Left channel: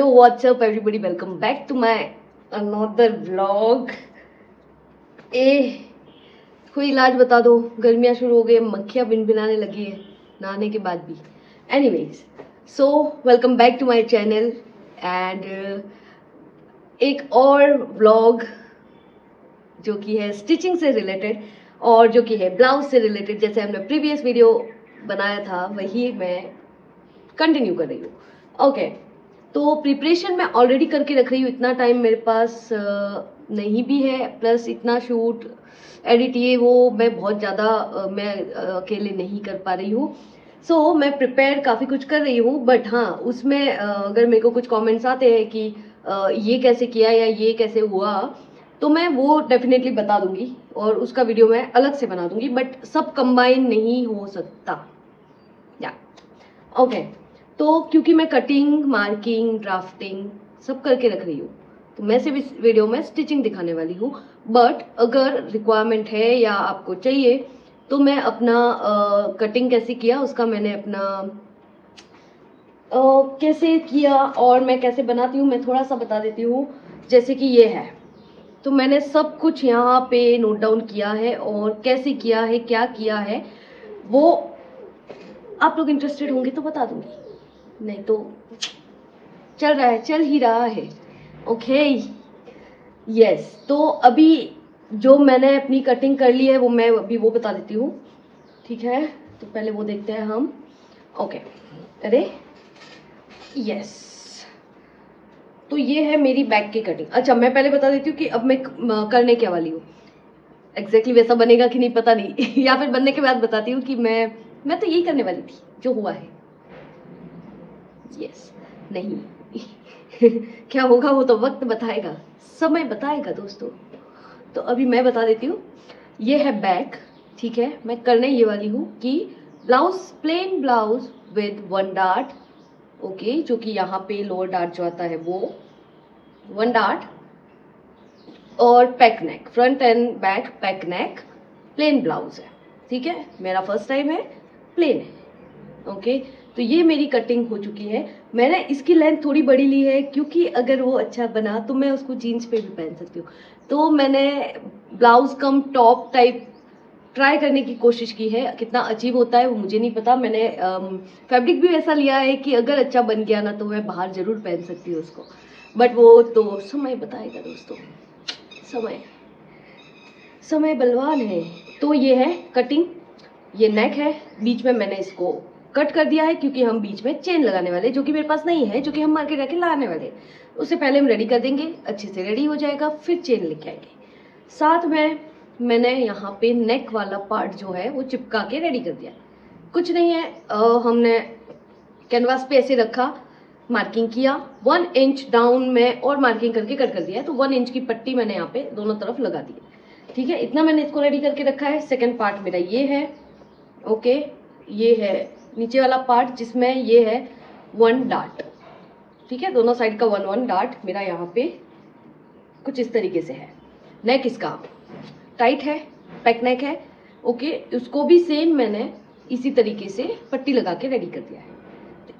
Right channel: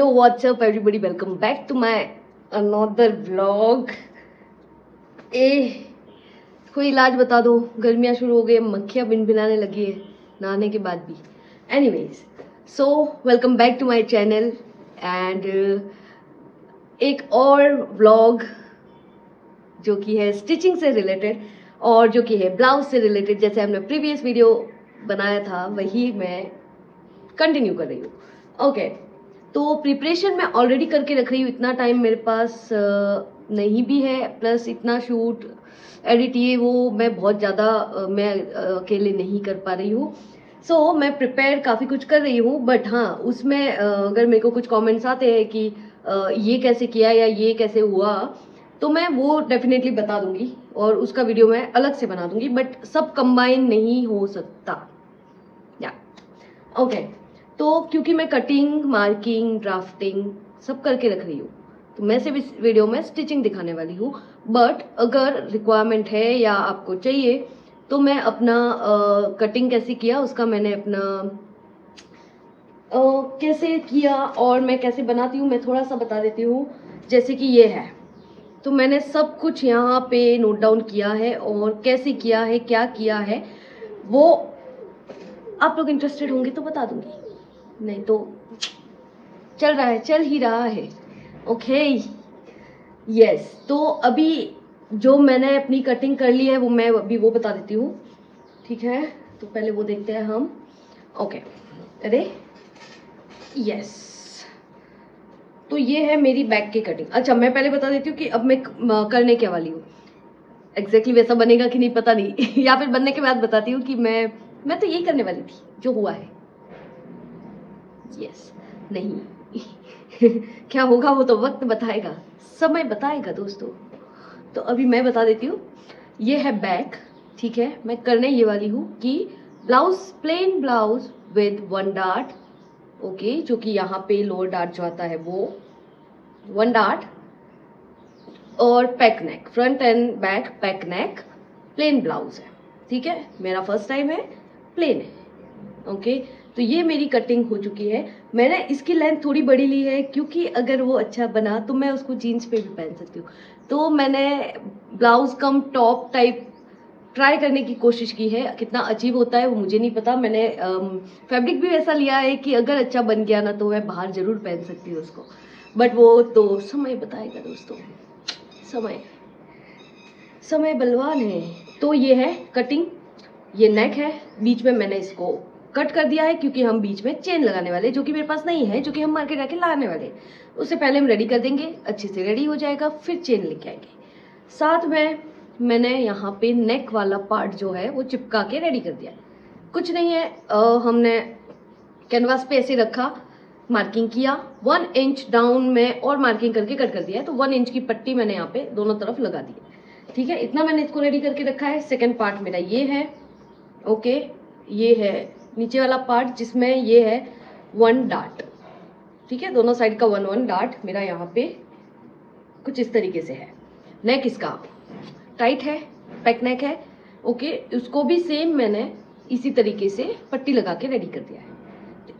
Hello what's up everybody, welcome back to my another vlog. कोई इलाज बता दो, गर्मियाँ शुरू हो गई, मक्खियाँ भिनभिनाने लगी है नहाने के बाद भी। Anyways, so welcome back to my channel and एक और व्लॉग जो कि है स्टिचिंग से रिलेटेड और जो कि है ब्लाउज से रिलेटेड। जैसे हमने प्रीवियस वीडियो बनाया था वही मैं कंटिन्यू कर रही हूँ। ओके, तो प्रिपरेशन मैं ऑलरेडी करके रख रही हूँ। इतना टाइम मेरे पास नहीं भी है, प्लस इतना शूट एडिट ये वो मैं बहुत ज़्यादा मैं अकेले नहीं कर पा रही हूँ। सो मैं प्रिपेयर काफ़ी कुछ कर रही हूँ, बट हाँ उसमें अगर मेरे को कुछ कमेंट्स आते हैं कि ये कैसे किया या ये कैसे हुआ, तो मैं वो डेफिनेटली बता दूंगी और उसका वीडियो मैं अलग से बना दूंगी, बट सब कंबाइन नहीं हो सकता या ओके। तो क्योंकि मैं कटिंग, मार्किंग, ड्राफ्टिंग सब करके रख रही हूँ, तो मैं सिर्फ इस वीडियो में स्टिचिंग दिखाने वाली हूँ। बट अगर रिक्वायरमेंट है या आपको चाहिए तो मैं अपना कटिंग कैसे किया उसका मैंने अपना कैसे किया और मैं कैसे बनाती हूँ मैं थोड़ा सा बता देती हूँ। जैसे कि ये है, तो मैंने सब कुछ यहाँ पे नोट डाउन किया है और कैसे किया है, क्या किया है, वो आप लोग इंटरेस्टेड होंगे तो बता दूंगी, नहीं तो चल रहा है, चल ही रहा है। ओके यस, तो अभी जो मैंने अपनी कटिंग कर ली है वो मैं अभी वो बता देती हूँ, ठीक है। तो पहले वो देखते हैं हम। ओके, अरे यस, तो ये है मेरी बैक की कटिंग। अच्छा, मैं पहले बता देती हूँ कि अब मैं करने क्या वाली हूँ। एग्जैक्टली वैसा बनेगा कि नहीं पता नहीं या फिर बनने के बाद बताती हूँ कि मैं तो यही करने वाली थी जो हुआ है। यस नहीं क्या होगा वो तो वक्त बताएगा, समय बताएगा दोस्तों। तो अभी मैं बता देती हूँ। ये है बैक, ठीक है। मैं करने ये वाली हूँ कि blouse, plain blouse with 1 dart, okay, जो कि यहाँ पे लोअर डार्ट जो आता है वो 1 डार्ट, और पैक नेक, फ्रंट एंड बैक पैक नेक, प्लेन ब्लाउज है, ठीक है। मेरा फर्स्ट टाइम है, प्लेन है, ओके। तो ये मेरी कटिंग हो चुकी है। मैंने इसकी लेंथ थोड़ी बड़ी ली है क्योंकि अगर वो अच्छा बना तो मैं उसको जीन्स पे भी पहन सकती हूँ। तो मैंने ब्लाउज कम टॉप टाइप ट्राई करने की कोशिश की है। कितना अचीव होता है वो मुझे नहीं पता। मैंने फैब्रिक भी वैसा लिया है कि अगर अच्छा बन गया ना तो मैं बाहर जरूर पहन सकती हूँ उसको, बट वो तो समय बताएगा दोस्तों। समय बलवान है। तो ये है कटिंग, ये नेक है, बीच में मैंने इसको कट कर दिया है क्योंकि हम बीच में चेन लगाने वाले, जो कि मेरे पास नहीं है, जो कि हम मार्केट जाके लाने वाले। उससे पहले हम रेडी कर देंगे, अच्छे से रेडी हो जाएगा, फिर चेन लेके आएंगे। साथ में मैंने यहाँ पे नेक वाला पार्ट जो है वो चिपका के रेडी कर दिया। कुछ नहीं है, हमने कैनवास पे ऐसे रखा, मार्किंग किया 1 इंच डाउन में और मार्किंग करके कट कर दिया है। तो 1 इंच की पट्टी मैंने यहाँ पे दोनों तरफ लगा दी है, ठीक है। इतना मैंने इसको रेडी करके रखा है। सेकंड पार्ट मेरा ये है, ओके। ये है नीचे वाला पार्ट जिसमें ये है 1 डार्ट, ठीक है। दोनों साइड का 1 डार्ट मेरा यहाँ पे कुछ इस तरीके से है। नेक इसका टाइट है, पैक नेक है, ओके। उसको भी सेम मैंने इसी तरीके से पट्टी लगा के रेडी कर दिया है।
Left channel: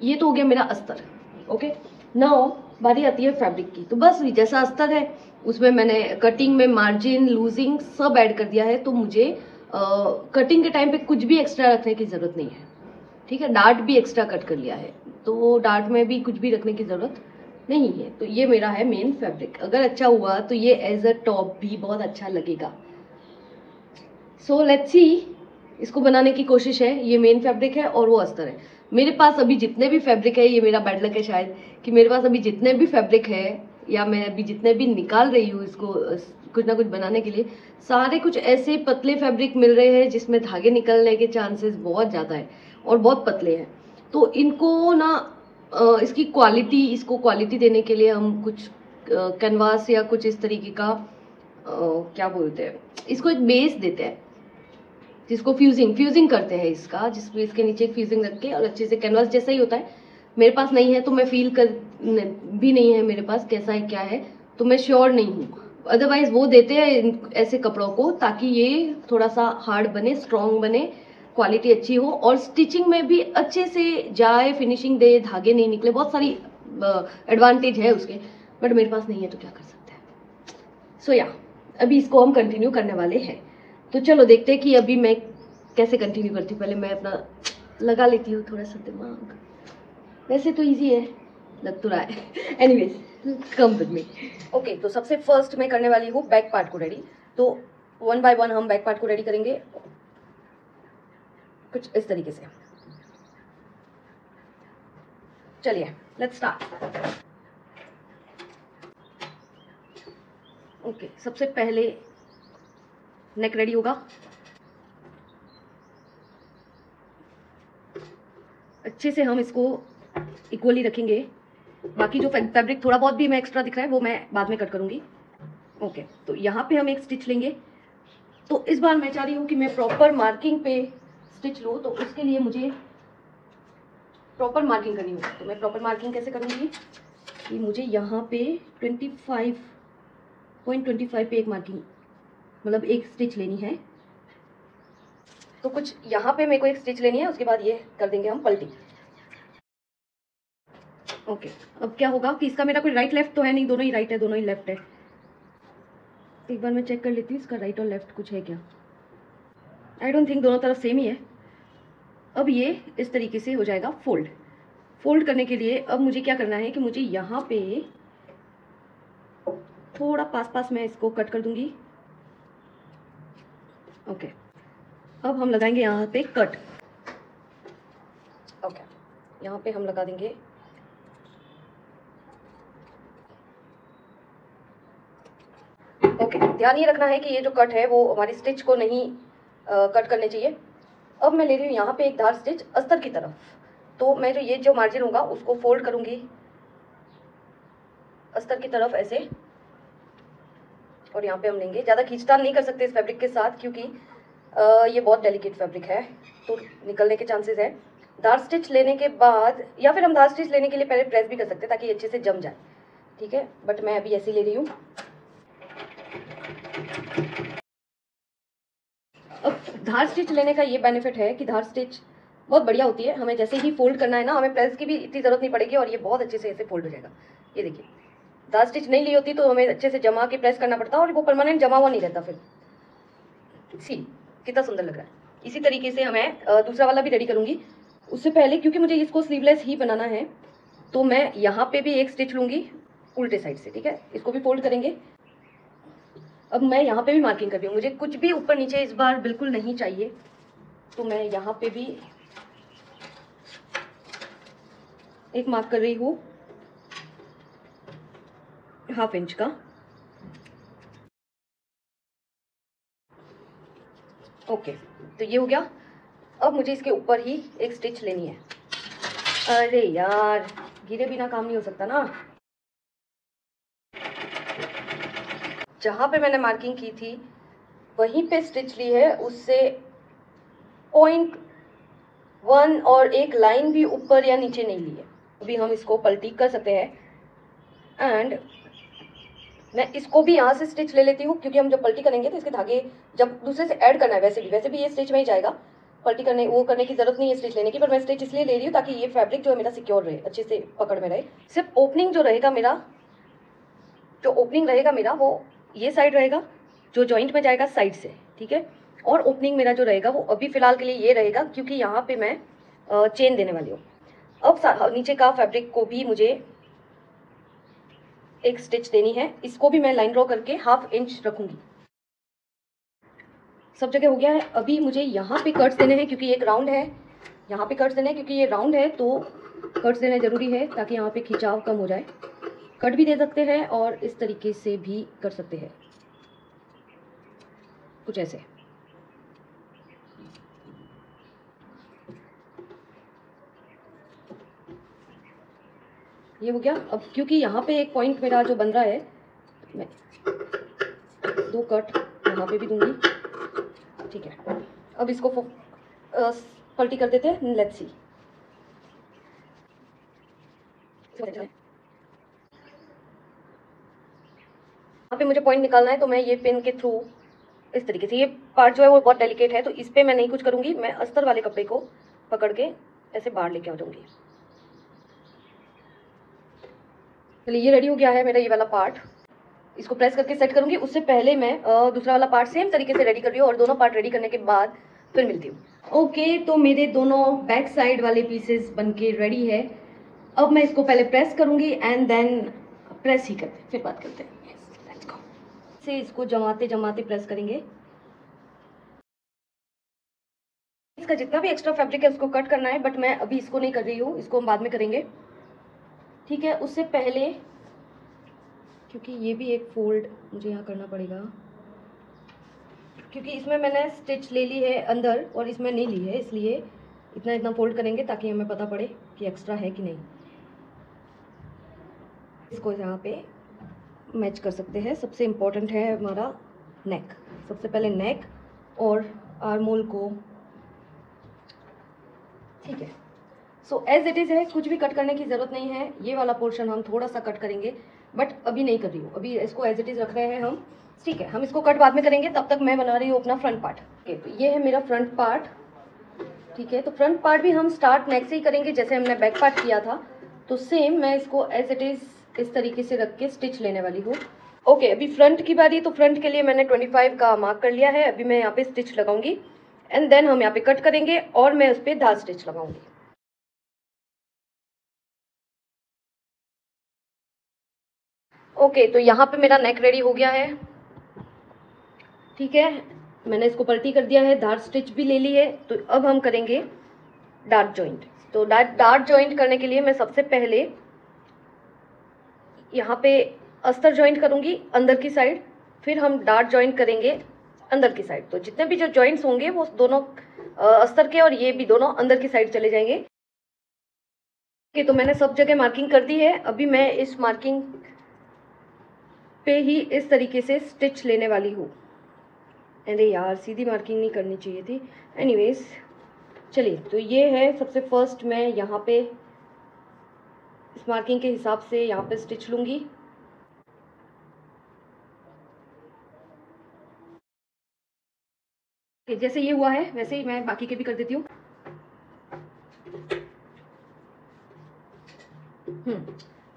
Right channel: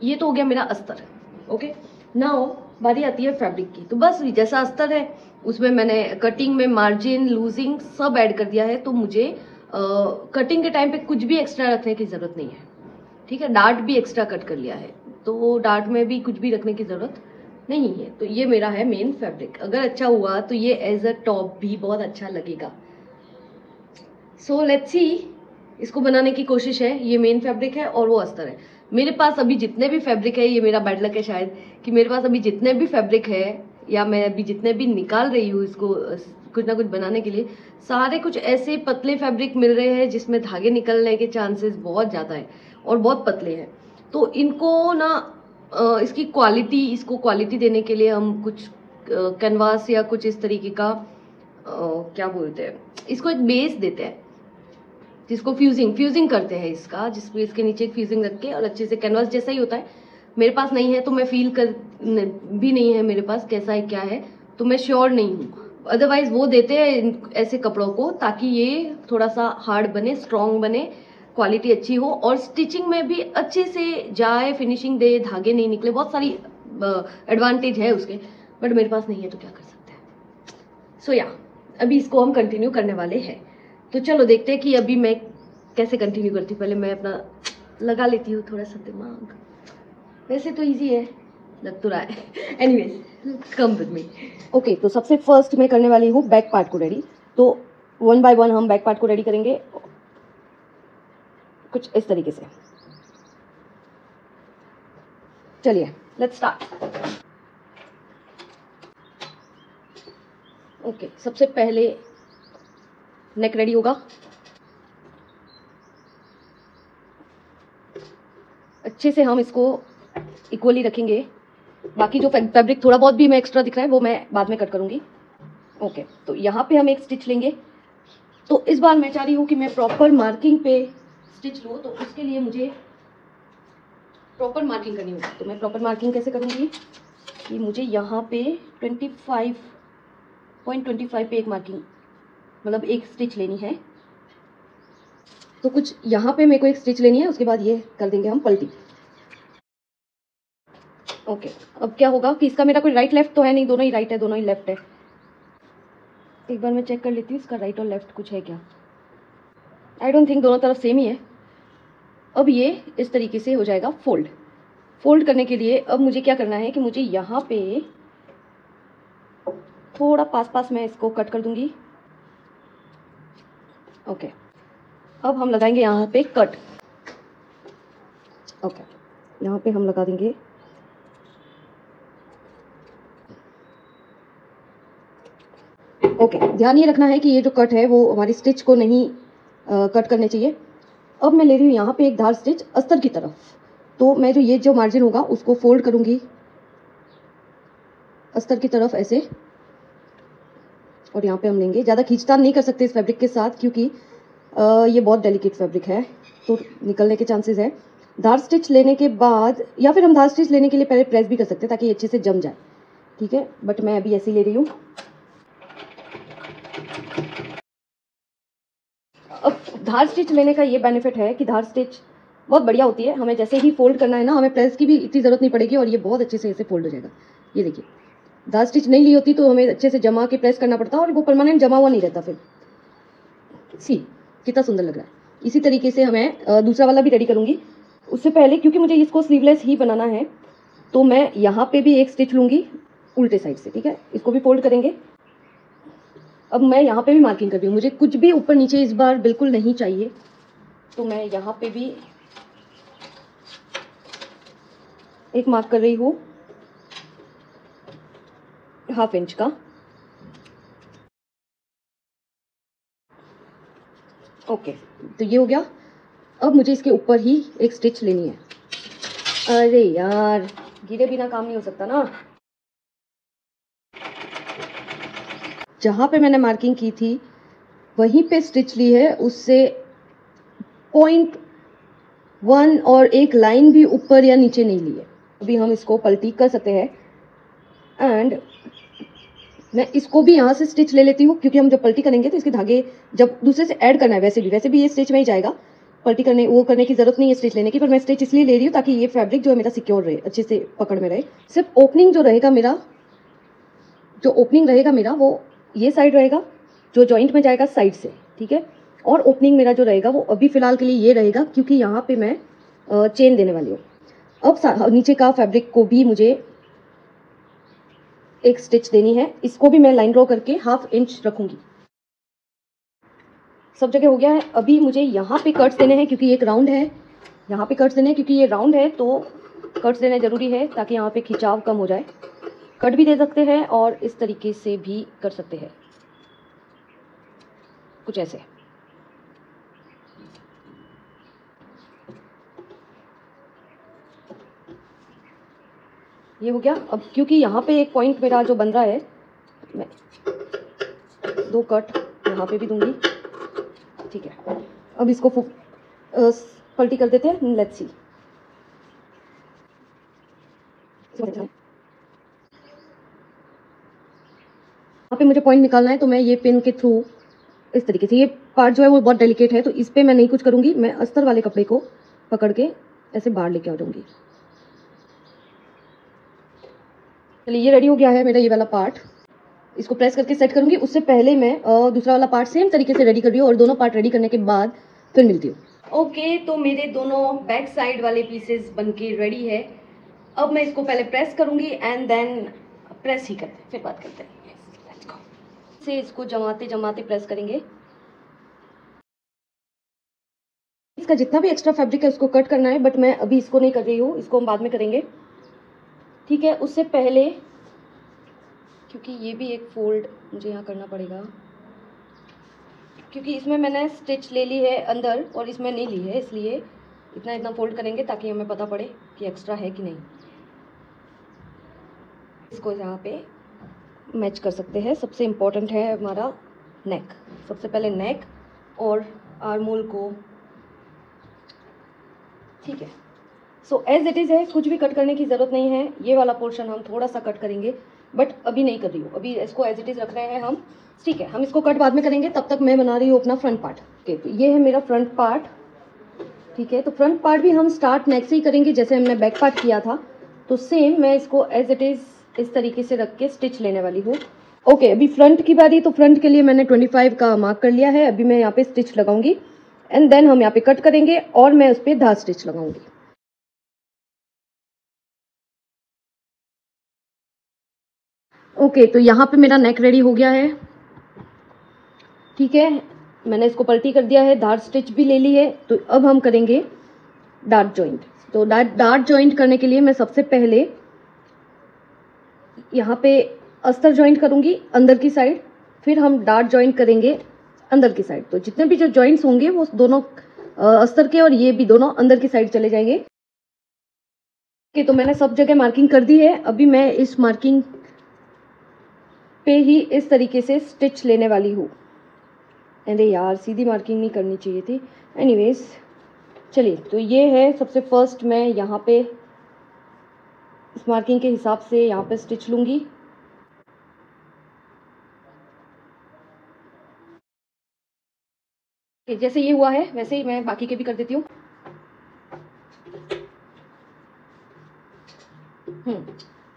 ये तो हो गया मेरा अस्तर, ओके। नाउ बारी आती है फैब्रिक की। तो बस जैसा अस्तर है उसमें मैंने कटिंग में मार्जिन, लूजिंग सब ऐड कर दिया है। तो मुझे कटिंग के टाइम पे कुछ भी एक्स्ट्रा रखने की जरूरत नहीं है, ठीक है। डार्ट भी एक्स्ट्रा कट कर लिया है, तो डार्ट में भी कुछ भी रखने की जरूरत नहीं है। तो ये मेरा है मेन फैब्रिक। अगर अच्छा हुआ तो ये एज अ टॉप भी बहुत अच्छा लगेगा। सो लेट्स सी, इसको बनाने की कोशिश है। ये मेन फैब्रिक है और वो अस्तर है। मेरे पास अभी जितने भी फैब्रिक है, ये मेरा बैड लक है शायद कि मेरे पास अभी जितने भी फैब्रिक है या मैं अभी जितने भी निकाल रही हूँ इसको कुछ ना कुछ बनाने के लिए, सारे कुछ ऐसे पतले फैब्रिक मिल रहे हैं जिसमें धागे निकलने के चांसेस बहुत ज़्यादा है और बहुत पतले हैं। तो इनको ना इसको क्वालिटी देने के लिए हम कुछ कैनवास या कुछ इस तरीके का क्या बोलते हैं, इसको एक बेस देते हैं जिसको फ्यूजिंग करते हैं इसका, जिसमें इसके नीचे एक फ्यूजिंग रख के और अच्छे से कैनवास जैसा ही होता है। मेरे पास नहीं है तो मैं फील कर भी नहीं है मेरे पास कैसा है क्या है, तो मैं श्योर नहीं हूँ। अदरवाइज वो देते हैं ऐसे कपड़ों को ताकि ये थोड़ा सा हार्ड बने, स्ट्रॉन्ग बने, क्वालिटी अच्छी हो और स्टिचिंग में भी अच्छे से जाए, फिनिशिंग दे, धागे नहीं निकले। बहुत सारी एडवांटेज है उसके, बट मेरे पास नहीं है तो क्या कर सकते हैं। सो या अभी इसको हम कंटिन्यू करने वाले हैं, तो चलो देखते हैं कि अभी मैं कैसे कंटिन्यू करती हूँ। पहले मैं अपना लगा लेती हूँ थोड़ा सा दिमाग, वैसे तो इजी है, लग तो रहा है। Anyways come with me. Okay, तो सबसे फर्स्ट मैं करने वाली हूँ बैक पार्ट को रेडी। तो 1 बाय 1 हम बैक पार्ट को रेडी करेंगे कुछ इस तरीके से। चलिए लेट्स स्टार्ट। ओके, सबसे पहले नेक रेडी होगा। अच्छे से हम इसको इक्वली रखेंगे। बाकी जो फैब्रिक थोड़ा बहुत भी मैं एक्स्ट्रा दिख रहा है वो मैं बाद में कट करूंगी। ओके, तो यहाँ पे हम एक स्टिच लेंगे। तो इस बार मैं चाह रही हूँ कि मैं प्रॉपर मार्किंग पे स्टिच लूँ, तो उसके लिए मुझे प्रॉपर मार्किंग करनी होगी। तो मैं प्रॉपर मार्किंग कैसे करूँगी कि मुझे यहाँ पे 25.25 पे एक मार्किंग, मतलब एक स्टिच लेनी है। तो कुछ यहाँ पे मेरे को एक स्टिच लेनी है, उसके बाद ये कर देंगे हम पलटी। ओके, अब क्या होगा कि इसका मेरा कोई राइट लेफ्ट तो है नहीं, दोनों ही राइट है, दोनों ही लेफ्ट है। एक बार मैं चेक कर लेती हूँ इसका राइट और लेफ्ट कुछ है क्या। आई डोंट थिंक, दोनों तरफ सेम ही है। अब ये इस तरीके से हो जाएगा फोल्ड। फोल्ड करने के लिए अब मुझे क्या करना है कि मुझे यहाँ पे थोड़ा पास मैं इसको कट कर दूंगी। ओके, अब हम लगाएंगे यहाँ पे कट। ओके, यहाँ पे हम लगा देंगे ओके। ध्यान ये रखना है कि ये जो कट है वो हमारी स्टिच को नहीं कट करने चाहिए। अब मैं ले रही हूँ यहाँ पे एक धार स्टिच अस्तर की तरफ। तो मैं जो ये जो मार्जिन होगा उसको फोल्ड करूंगी अस्तर की तरफ ऐसे, और यहाँ पे हम लेंगे। ज़्यादा खींचतान नहीं कर सकते इस फैब्रिक के साथ, क्योंकि ये बहुत डेलिकेट फैब्रिक है तो निकलने के चांसेस है। धार स्टिच लेने के बाद, या फिर हम धार स्टिच लेने के लिए पहले प्रेस भी कर सकते हैं ताकि अच्छे से जम जाए, ठीक है। बट मैं अभी ऐसे ही ले रही हूँ। अब धार स्टिच लेने का ये बेनिफिट है कि धार स्टिच बहुत बढ़िया होती है। हमें जैसे ही फोल्ड करना है ना, हमें प्रेस की भी इतनी ज़रूरत नहीं पड़ेगी और ये बहुत अच्छे से ऐसे फोल्ड हो जाएगा। ये देखिए, धार स्टिच नहीं ली होती तो हमें अच्छे से जमा के प्रेस करना पड़ता और वो परमानेंट जमा हुआ नहीं रहता। फिर सी कितना सुंदर लग रहा है। इसी तरीके से मैं दूसरा वाला भी रेडी करूंगी। उससे पहले, क्योंकि मुझे इसको स्लीवलेस ही बनाना है, तो मैं यहाँ पे भी एक स्टिच लूंगी उल्टे साइड से, ठीक है। इसको भी फोल्ड करेंगे। अब मैं यहाँ पे भी मार्किंग कर रही हूँ, मुझे कुछ भी ऊपर नीचे इस बार बिल्कुल नहीं चाहिए। तो मैं यहाँ पे भी एक मार्क कर रही हूँ 1/2 इंच का। ओके, तो ये हो गया। अब मुझे इसके ऊपर ही एक स्टिच लेनी है। अरे यार, गिरे बिना काम नहीं हो सकता ना। जहाँ पे मैंने मार्किंग की थी वहीं पे स्टिच ली है, उससे 0.1 और एक लाइन भी ऊपर या नीचे नहीं ली है। अभी हम इसको पलटी कर सकते हैं। एंड मैं इसको भी यहाँ से स्टिच ले लेती हूँ, क्योंकि हम जब पलटी करेंगे तो इसके धागे जब दूसरे से ऐड करना है, वैसे भी ये स्टिच में ही जाएगा। पलटी करने वो करने की जरूरत नहीं है स्टिच लेने की, पर मैं स्टिच इसलिए ले रही हूँ ताकि ये फैब्रिक जो है मेरा सिक्योर रहे, अच्छे से पकड़ में रहे। सिर्फ ओपनिंग जो रहेगा मेरा वो ये साइड रहेगा, जो जॉइंट में जाएगा साइड से, ठीक है। और ओपनिंग मेरा जो रहेगा वो अभी फिलहाल के लिए ये रहेगा, क्योंकि यहाँ पे मैं चेन देने वाली हूँ। अब नीचे का फैब्रिक को भी मुझे एक स्टिच देनी है। इसको भी मैं लाइन ड्रॉ करके 1/2 इंच रखूंगी। सब जगह हो गया है। अभी मुझे यहाँ पे कट्स देने हैं, क्योंकि एक राउंड है। यहाँ पे कट्स देने हैं क्योंकि ये राउंड है, तो कट्स देने जरूरी है ताकि यहाँ पे खिंचाव कम हो जाए। कट भी दे सकते हैं और इस तरीके से भी कर सकते हैं, कुछ ऐसे। ये हो गया। अब क्योंकि यहाँ पे एक पॉइंट मेरा जो बन रहा है, मैं 2 कट यहाँ पे भी दूंगी, ठीक है। अब इसको पलटी कर देते हैं। Let's see. यहाँ पे मुझे पॉइंट निकालना है, तो मैं ये पेन के थ्रू इस तरीके से, ये पार्ट जो है वो बहुत डेलिकेट है, तो इस पे मैं नहीं कुछ करूँगी। मैं अस्तर वाले कपड़े को पकड़ के ऐसे बाहर लेके आ जाऊँगी। चलिए ये रेडी हो गया है मेरा ये वाला पार्ट। इसको प्रेस करके सेट करूंगी। उससे पहले मैं दूसरा वाला पार्ट सेम तरीके से रेडी कर रही हूँ और दोनों पार्ट रेडी करने के बाद फिर मिलती हूँ। ओके, तो मेरे दोनों बैक साइड वाले पीसेस बनके रेडी है। अब मैं इसको पहले प्रेस करूंगी एंड देन प्रेस ही करते हैं, फिर बात करते हैं। Let's go. से इसको जमाते जमाते प्रेस करेंगे। इसका जितना भी एक्स्ट्रा फैब्रिक है उसको कट करना है, बट मैं अभी इसको नहीं कर रही हूँ, इसको हम बाद में करेंगे, ठीक है। उससे पहले क्योंकि ये भी एक फोल्ड मुझे यहाँ करना पड़ेगा, क्योंकि इसमें मैंने स्टिच ले ली है अंदर और इसमें नहीं ली है, इसलिए इतना इतना फोल्ड करेंगे ताकि हमें पता पड़े कि एक्स्ट्रा है कि नहीं। इसको यहाँ पे मैच कर सकते हैं। सबसे इम्पोर्टेंट है हमारा नेक। सबसे पहले नेक और आर्म होल को, ठीक है। सो एज इट इज़ है, कुछ भी कट करने की ज़रूरत नहीं है। ये वाला पोर्शन हम थोड़ा सा कट करेंगे, बट अभी नहीं कर रही हूँ, अभी इसको एज इट इज़ रख रहे हैं हम, ठीक है। हम इसको कट बाद में करेंगे, तब तक मैं बना रही हूँ अपना फ्रंट पार्ट। ओके, तो ये है मेरा फ्रंट पार्ट, ठीक है। तो फ्रंट पार्ट भी हम स्टार्ट नेक से ही करेंगे जैसे हमने बैक पार्ट किया था। तो सेम मैं इसको एज इट इज़ इस तरीके से रख के स्टिच लेने वाली हूँ। ओके, अभी फ्रंट की बारी। तो फ्रंट के लिए मैंने 25 का मार्क कर लिया है। अभी मैं यहाँ पे स्टिच लगाऊंगी एंड देन हम यहाँ पे कट करेंगे और मैं उस पर धार स्टिच लगाऊंगी। ओके, तो यहाँ पे मेरा नेक रेडी हो गया है, ठीक है। मैंने इसको पलटी कर दिया है, धार स्टिच भी ले ली है। तो अब हम करेंगे डार्ट जॉइंट। तो डार्ट जॉइंट करने के लिए मैं सबसे पहले यहाँ पे अस्तर जॉइंट करूंगी अंदर की साइड, फिर हम डार्ट जॉइंट करेंगे अंदर की साइड। तो जितने भी जो जॉइंट्स होंगे वो दोनों अस्तर के और ये भी दोनों अंदर की साइड चले जाएंगे। ओके, तो मैंने सब जगह मार्किंग कर दी है। अभी मैं इस मार्किंग पे ही इस तरीके से स्टिच लेने वाली हूँ। अरे यार, सीधी मार्किंग नहीं करनी चाहिए थी। एनीवेज, चलिए, तो ये है सबसे फर्स्ट मैं यहाँ पे इस मार्किंग के हिसाब से यहाँ पे स्टिच लूँगी। जैसे ये हुआ है वैसे ही मैं बाकी के भी कर देती हूँ।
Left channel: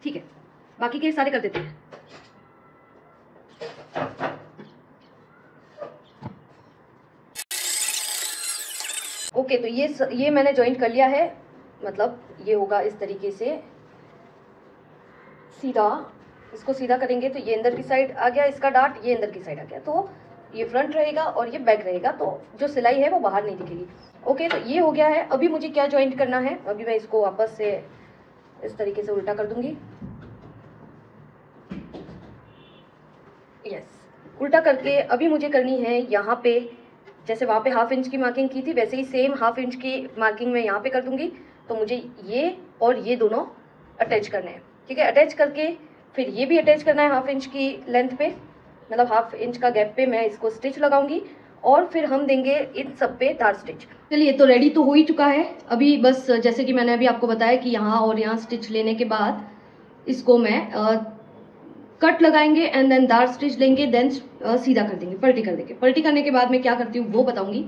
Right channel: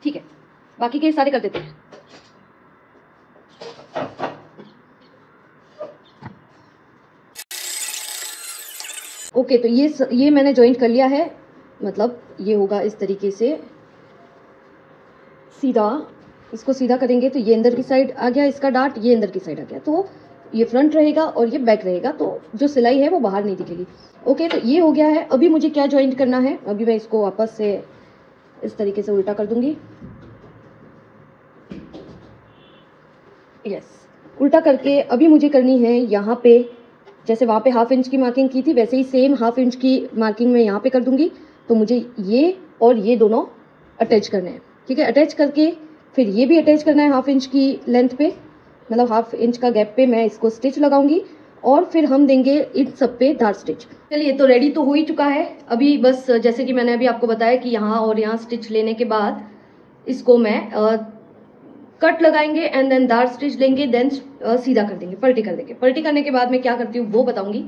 ठीक है, बाकी के सारे कर देते हैं। ओके, तो ये मैंने जॉइंट कर लिया है। मतलब ये होगा इस तरीके से सीधा। इसको सीधा करेंगे तो ये अंदर की साइड आ गया इसका डार्ट, ये अंदर की साइड आ गया। तो ये फ्रंट रहेगा और ये बैक रहेगा, तो जो सिलाई है वो बाहर नहीं दिखेगी। ओके, तो ये हो गया है। अभी मुझे क्या जॉइंट करना है, अभी मैं इसको वापस से इस तरीके से उल्टा कर दूंगी। यस, उल्टा करके अभी मुझे करनी है यहाँ पे, जैसे वहाँ पे हाफ इंच की मार्किंग की थी वैसे ही सेम हाफ इंच की मार्किंग मैं यहाँ पे कर दूंगी। तो मुझे ये और ये दोनों अटैच करने हैं, ठीक है। अटैच करके फिर ये भी अटैच करना है हाफ इंच की लेंथ पे, मतलब हाफ इंच का गैप पे मैं इसको स्टिच लगाऊंगी और फिर हम देंगे इन सब पे धार स्टिच। चलिए, तो रेडी तो हो ही चुका है। अभी बस जैसे कि मैंने अभी आपको बताया कि यहाँ और यहाँ स्टिच लेने के बाद इसको मैं कट लगाएंगे एंड देन धार स्टिच लेंगे, देन सीधा कर देंगे, पलटी कर देंगे। पलटी करने के बाद मैं क्या करती हूँ वो बताऊंगी।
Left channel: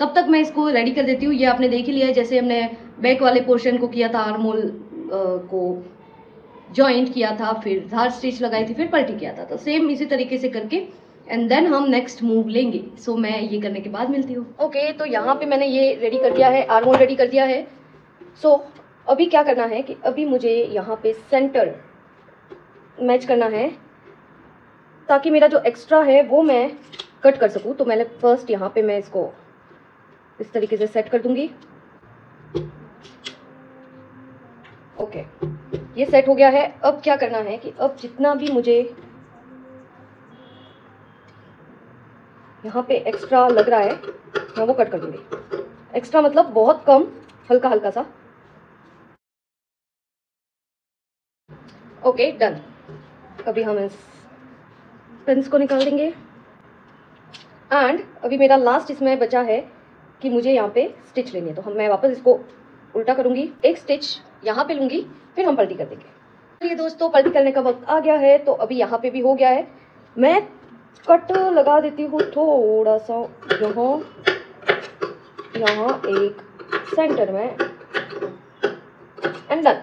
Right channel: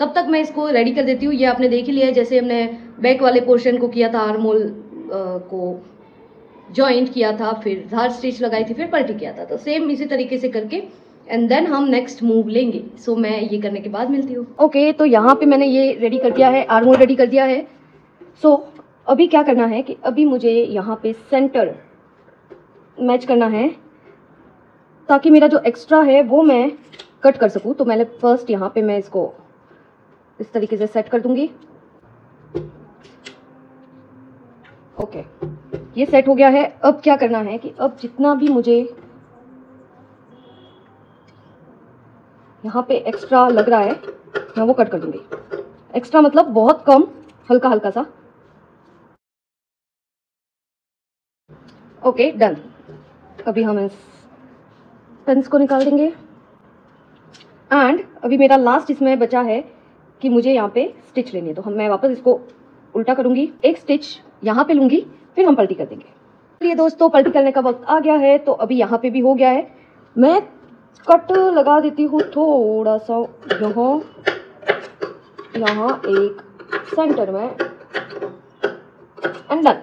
तब तक मैं इसको रेडी कर देती हूँ। ये आपने देख ही लिया है, जैसे हमने बैक वाले पोर्शन को किया था, आर्म होल को जॉइंट किया था, फिर धार स्टिच लगाई थी, फिर पलटी किया था। तो सेम इसी तरीके से करके एंड देन हम नेक्स्ट मूव लेंगे। सो मैं ये करने के बाद मिलती हूँ। ओके, तो यहाँ पे मैंने ये रेडी कर दिया है, आर्म होल रेडी कर दिया है। सो अभी क्या करना है कि अभी मुझे यहाँ पे सेंटर मैच करना है ताकि मेरा जो एक्स्ट्रा है वो मैं कट कर सकूँ। तो मैंने फर्स्ट यहाँ पे मैं इसको इस तरीके से सेट कर दूंगी। ओके, ये सेट हो गया है। अब क्या करना है कि अब जितना भी मुझे यहाँ पे एक्स्ट्रा लग रहा है मैं वो कट कर दूंगी। एक्स्ट्रा मतलब बहुत कम, हल्का हल्का सा। Okay, done. अभी हम इस पेंस को निकाल देंगे एंड अभी मेरा लास्ट इसमें बचा है कि मुझे यहाँ पे स्टिच लेनी है। तो मैं वापस इसको उल्टा करूंगी, एक स्टिच यहाँ पे लूंगी, फिर हम पलटी कर देंगे। चलिए दोस्तों, पलटी करने का वक्त आ गया है। तो अभी यहाँ पे भी हो गया है। मैं कट लगा देती हूँ थोड़ा सा यहाँ एक सेंटर में एंड डन।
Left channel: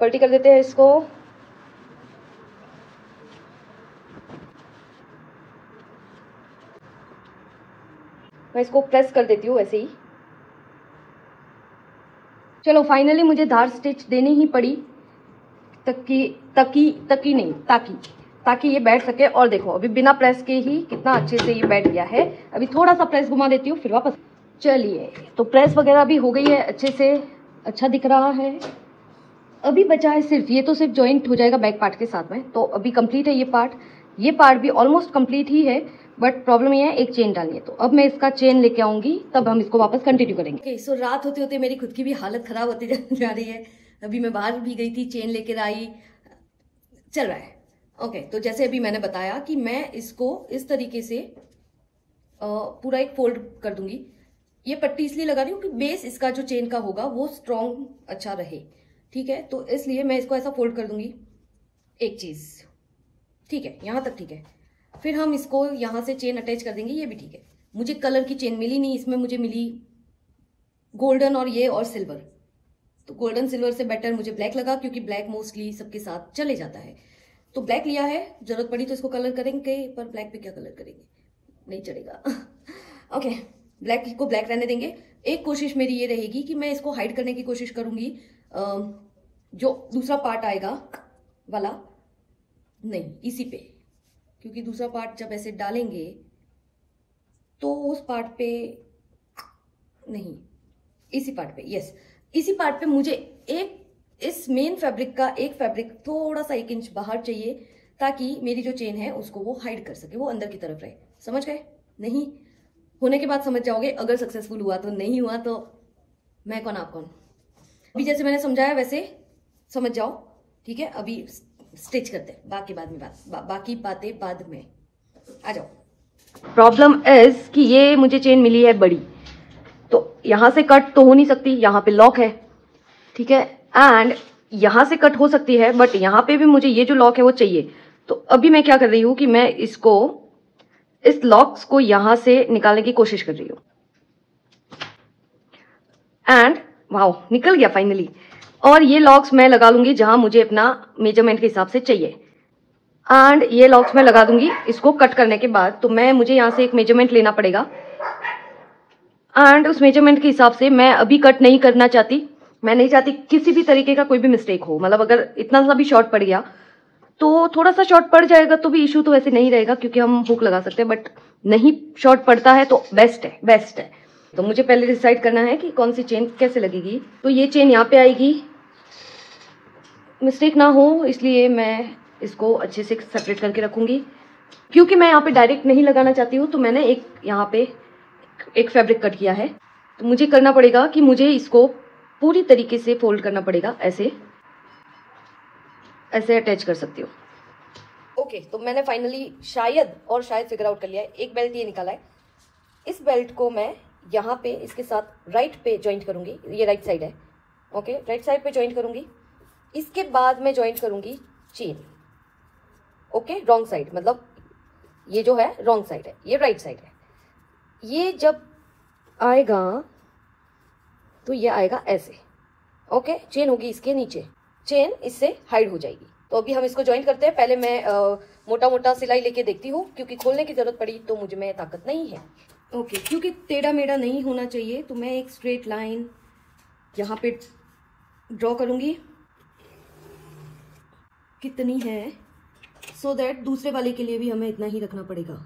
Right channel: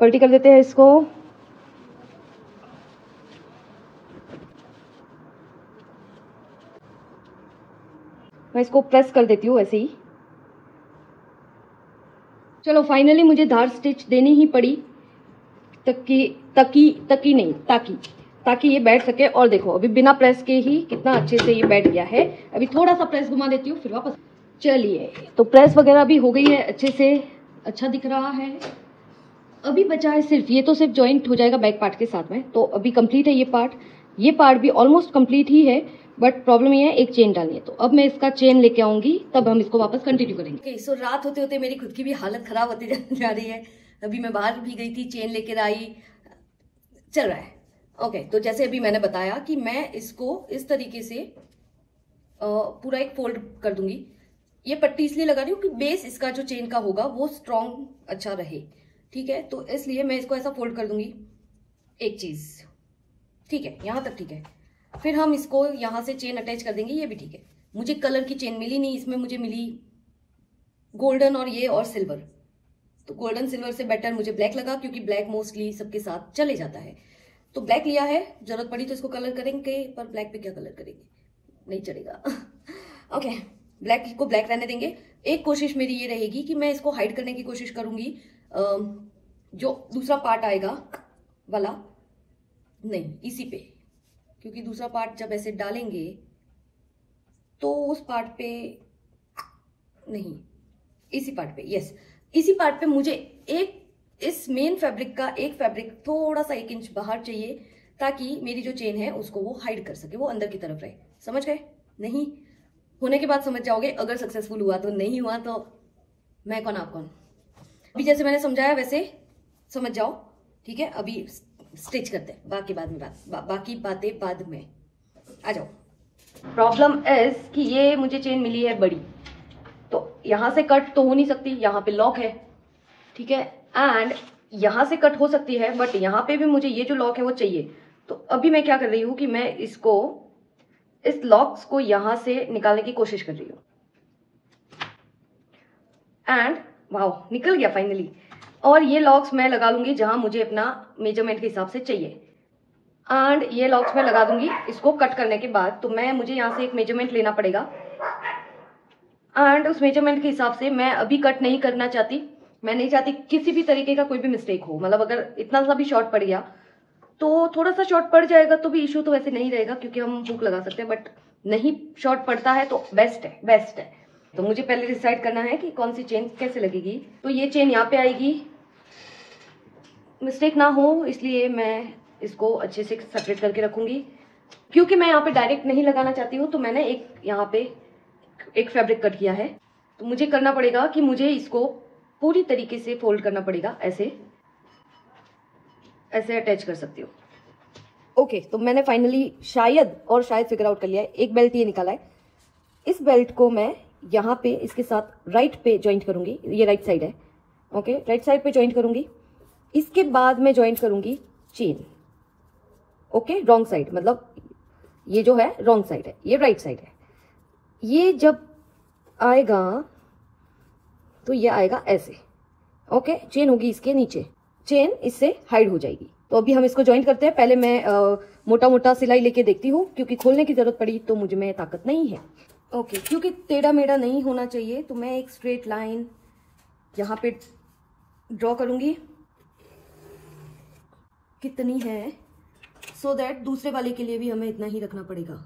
पलटी कर देते हैं इसको। मैं इसको प्रेस कर देती हूँ ऐसे ही। चलो फाइनली मुझे धार स्टिच देनी ही पड़ी, ताकि ये बैठ सके। और देखो अभी बिना प्रेस के ही कितना अच्छे से ये बैठ गया है। अभी थोड़ा सा प्रेस घुमा देती हूँ फिर वापस। चलिए, तो प्रेस वगैरह भी हो गई है अच्छे से, अच्छा दिख रहा है। अभी बचा है सिर्फ ये, तो सिर्फ जॉइंट हो जाएगा बैक पार्ट के साथ में। तो अभी कंप्लीट है ये पार्ट भी ऑलमोस्ट कंप्लीट ही है, बट प्रॉब्लम ये है एक चेन डालनी है। तो अब मैं इसका चेन लेके आऊंगी, तब हम इसको वापस कंटिन्यू करेंगे। ओके, सो रात होते होते मेरी खुद की भी हालत खराब होती जा रही है। अभी मैं बाहर भी गई थी, चेन लेकर आई, चल रहा है। ओके, तो जैसे अभी मैंने बताया कि मैं इसको इस तरीके से पूरा एक फोल्ड कर दूंगी। ये पट्टी इसलिए लगा रही हूँ कि बेस इसका जो चेन का होगा वो स्ट्रॉन्ग अच्छा रहे, ठीक है। तो इसलिए मैं इसको ऐसा फोल्ड कर दूंगी, एक चीज, ठीक है, यहां तक ठीक है। फिर हम इसको यहां से चेन अटैच कर देंगे, ये भी ठीक है। मुझे कलर की चेन मिली नहीं, इसमें मुझे मिली गोल्डन और सिल्वर। तो गोल्डन सिल्वर से बेटर मुझे ब्लैक लगा, क्योंकि ब्लैक मोस्टली सबके साथ चले जाता है। तो ब्लैक लिया है, जरूरत पड़ी तो इसको कलर करेंगे, पर ब्लैक पे क्या कलर करेंगे, नहीं चलेगा। ओके, ब्लैक को ब्लैक रहने देंगे। एक कोशिश मेरी ये रहेगी कि मैं इसको हाइड करने की कोशिश करूंगी, जो दूसरा पार्ट आएगा वाला नहीं, इसी पे, क्योंकि दूसरा पार्ट जब ऐसे डालेंगे तो उस पार्ट पे नहीं, इसी पार्ट पे, यस, इसी पार्ट पे मुझे एक इस मेन फैब्रिक का एक फैब्रिक थोड़ा सा 1 इंच बाहर चाहिए, ताकि मेरी जो चेन है उसको वो हाइड कर सके, वो अंदर की तरफ रहे। समझ गए? नहीं होने के बाद समझ जाओगे, अगर सक्सेसफुल हुआ तो, नहीं हुआ तो मैं कौन आप कौन। अभी जैसे मैंने समझाया वैसे समझ जाओ, ठीक है। अभी स्टिच करते हैं, बाकी बाद में बाकी बातें बाद में। आ जाओ। प्रॉब्लम इज कि ये मुझे चेन मिली है बड़ी, तो यहां से कट तो हो नहीं सकती, यहां पे लॉक है, ठीक है। एंड यहां से कट हो सकती है, बट यहां पे भी मुझे ये जो लॉक है वो चाहिए। तो अभी मैं क्या कर रही हूं कि मैं इसको, इस लॉक्स को यहां से निकालने की कोशिश कर रही हूं। एंड वाओ, निकल गया फाइनली। और ये लॉक्स मैं लगा लूंगी जहां मुझे अपना मेजरमेंट के हिसाब से चाहिए। एंड ये लॉक्स मैं लगा दूंगी इसको कट करने के बाद। तो मुझे यहां से एक मेजरमेंट लेना पड़ेगा, एंड उस मेजरमेंट के हिसाब से मैं अभी कट नहीं करना चाहती। मैं नहीं चाहती किसी भी तरीके का कोई भी मिस्टेक हो, मतलब अगर इतना सा भी शॉर्ट पड़ गया तो, थोड़ा सा शॉर्ट पड़ जाएगा तो भी इशू तो वैसे नहीं रहेगा, क्योंकि हम हुक लगा सकते हैं। बट नहीं शॉर्ट पड़ता है तो बेस्ट है। तो मुझे पहले डिसाइड करना है कि कौन सी चेन कैसे लगेगी। तो ये चेन यहाँ पे आएगी, मिस्टेक ना हो इसलिए मैं इसको अच्छे से सेपरेट करके रखूंगी। क्योंकि मैं यहाँ पे डायरेक्ट नहीं लगाना चाहती हूँ, तो मैंने एक यहाँ पे एक फैब्रिक कट किया है। तो मुझे करना पड़ेगा कि मुझे इसको पूरी तरीके से फोल्ड करना पड़ेगा, ऐसे अटैच कर सकती हूँ। ओके, तो मैंने फाइनली शायद फिगर आउट कर लिया है। एक बेल्ट ये निकाला है, इस बेल्ट को मैं यहाँ पे इसके साथ राइट पे ज्वाइंट करूंगी। ये राइट साइड है, ओके, राइट साइड पे ज्वाइंट करूंगी। इसके बाद मैं ज्वाइंट करूंगी चेन, ओके, रॉन्ग साइड, मतलब ये जो है रॉन्ग साइड है, ये राइट साइड है। ये जब आएगा तो ये आएगा ऐसे, ओके, चेन होगी इसके नीचे, चेन इससे हाइड हो जाएगी। तो अभी हम इसको ज्वाइंट करते हैं। पहले मैं मोटा मोटा सिलाई लेके देखती हूँ, क्योंकि खोलने की जरूरत पड़ी तो मुझे में ताकत नहीं है। ओके, क्योंकि टेढ़ा मेढ़ा नहीं होना चाहिए, तो मैं एक स्ट्रेट लाइन यहाँ पे ड्रॉ करूंगी, कितनी है, सो दैट दूसरे वाले के लिए भी हमें इतना ही रखना पड़ेगा।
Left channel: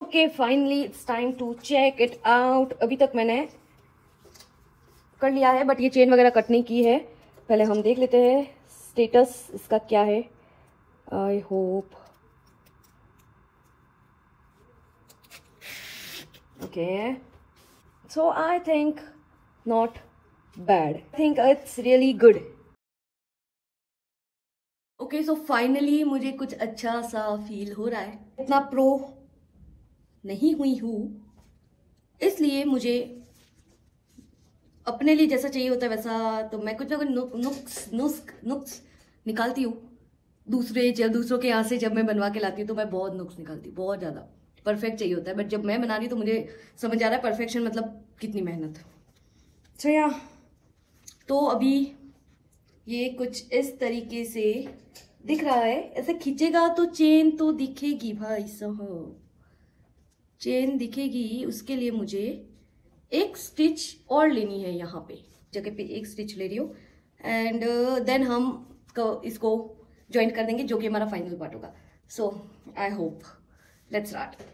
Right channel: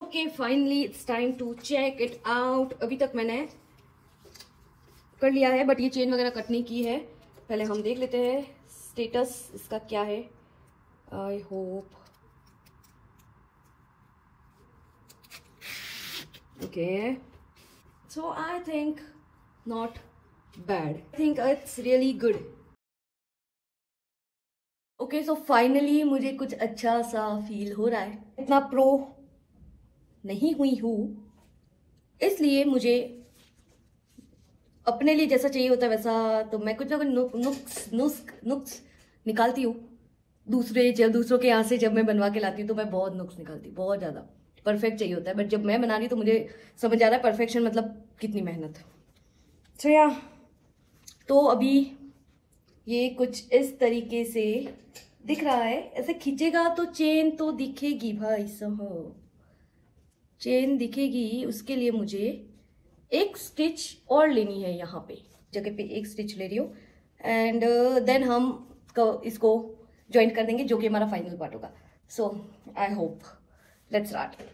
Okay, finally it's time to check it out. अभी तक मैंने कर लिया है, बट ये चेन वगैरह कट नहीं की है। पहले हम देख लेते हैं स्टेटस इसका क्या है। I hope, okay, so I think not bad, I think it's really good. Okay, so finally मुझे कुछ अच्छा सा फील हो रहा है। इतना प्रो नहीं हुई हूँ, इसलिए मुझे अपने लिए जैसा चाहिए होता है वैसा, तो मैं कुछ ना कुछ नुक्स निकालती हूँ। दूसरों के यहाँ से जब मैं बनवा के लाती हूँ तो मैं बहुत नुक्स निकालती हूँ, बहुत ज़्यादा। परफेक्ट चाहिए होता है, बट जब मैं बना रही हूँ तो मुझे समझ आ रहा है परफेक्शन मतलब कितनी मेहनत। सो या तो अभी ये कुछ इस तरीके से दिख रहा है। ऐसे खींचेगा तो चेन तो दिखेगी भाई साहब, चेन दिखेगी। उसके लिए मुझे एक स्टिच और लेनी है, यहाँ पे जगह पे एक स्टिच ले रही हूँ एंड देन हम इसको ज्वाइंट कर देंगे, जो कि हमारा फाइनल पार्ट होगा। So I hope let's start.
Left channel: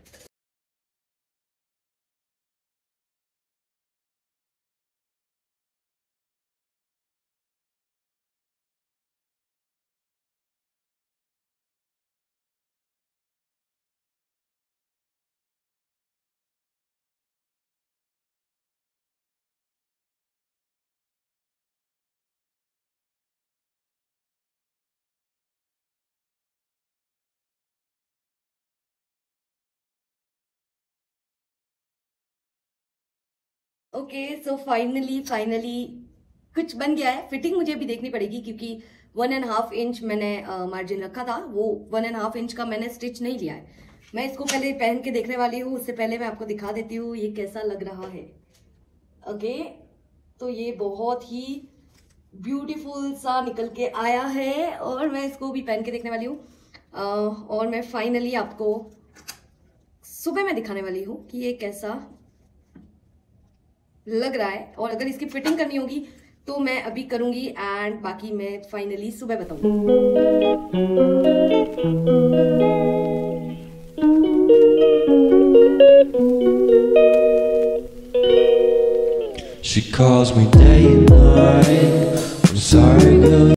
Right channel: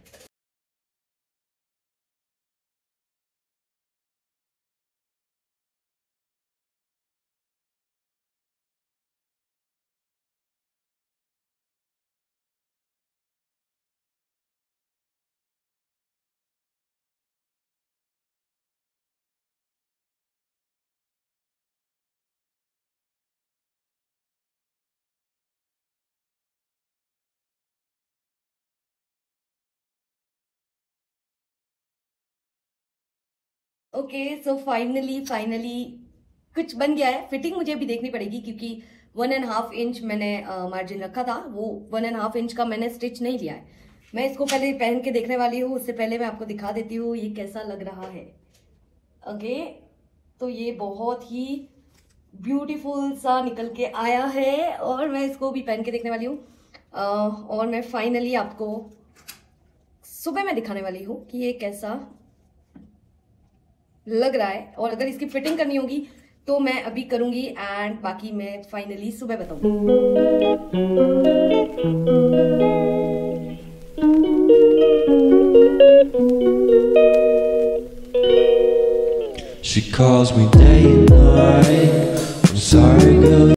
Okay so finally कुछ बन गया है। फिटिंग मुझे अभी देखनी पड़ेगी क्योंकि 1.5 इंच मैंने मार्जिन रखा था, वो 1.5 इंच का मैंने स्टिच नहीं लिया है। मैं इसको पहले पहन के देखने वाली हूँ, उससे पहले मैं आपको दिखा देती हूँ ये कैसा लग रहा है। ओके तो ये बहुत ही ब्यूटीफुल सा निकल के आया है और मैं इसको भी पहन के देखने वाली हूँ और मैं फाइनली आपको सुबह में दिखाने वाली हूँ कि ये कैसा लग रहा है। और अगर इसकी फिटिंग करनी होगी तो मैं अभी करूंगी एंड बाकी मैं फाइनली सुबह बताऊंगी। She calls me day and night. I'm sorry, girl.